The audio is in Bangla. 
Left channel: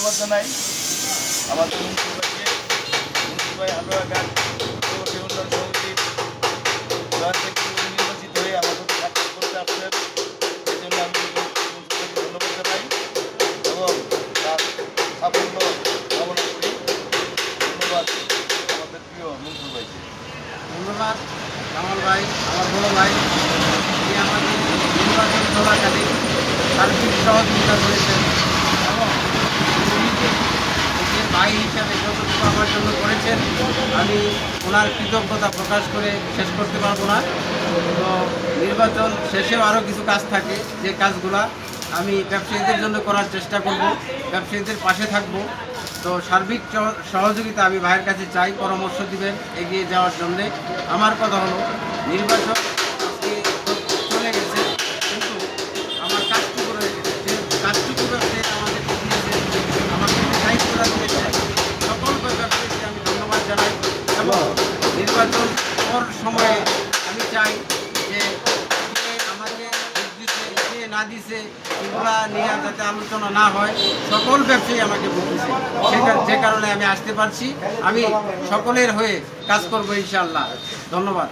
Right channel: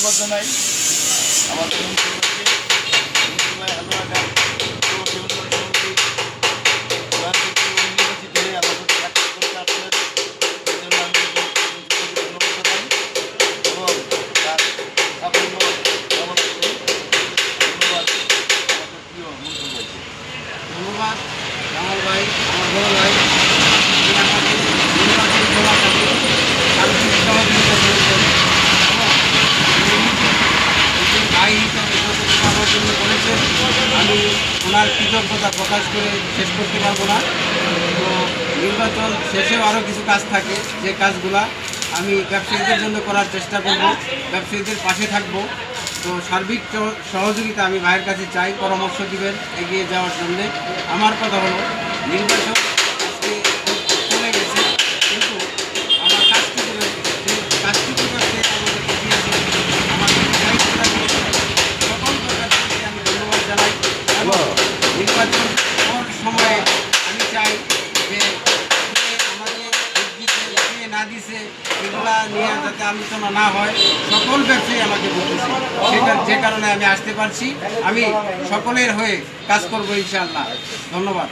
ধন্যবাদ জানাই আমাদের মন্ত্রী ভাই হালুয়া গান বিনোদন সমিতির থেকে আমাদের চাকরি করতে আসলেন এই জন্য আমি ধন্যবাদ জানাই এবং তার সাফল্য কামনা করি। ধন্যবাদ আমাদের প্রিয় মন্ত্রী ভাইকে। ধন্যবাদ কামাল ভাই, আমার বড় ভাই। তিনি আমাদের নির্বাচন চলাকালীন সার্বিক সহযোগিতা করেছেন এবং ভাই হিসাবে যতটুকু আমার জন্য করেছেন আমি ওনার কৃতজ্ঞতা প্রকাশ করে শেষ করতে পারবো না। তো নির্বাচন শেষেও আরও কিছু কাজ থাকে, যে কাজগুলা আমি ব্যবসায়ীদের জন্য করার চেষ্টা করব, ব্যবসায়ীদের পাশে থাকব। তো সার্বিক সহযোগিতা আমি ভাইয়ের কাছে চাই, পরামর্শ দিবেন এগিয়ে যাওয়ার জন্যে। আমার কথা হলো নির্বাচন আজকে চলে গেছে, কিন্তু আমার কাজটুকু রয়েছে, যে কাজটুকু ব্যবসায়ী আমাদেরকে দিয়েছে, আমাকে দায়িত্বটা দিয়েছে, সকল প্রকারকে আমি ধন্যবাদ জানাই। এবং নির্বাচন পর সময়ে আমি চাই যে আমাকে না দিছে এগুলা নিয়ে যাতে আলোচনা না হয়। সকল ব্যবসায়ী আমাকে বলতেছে, যে কারণে আমি আসতে পারছি। আমি সকলের হয়ে কাজ করবো ইনশাআল্লাহ। ধন্যবাদ।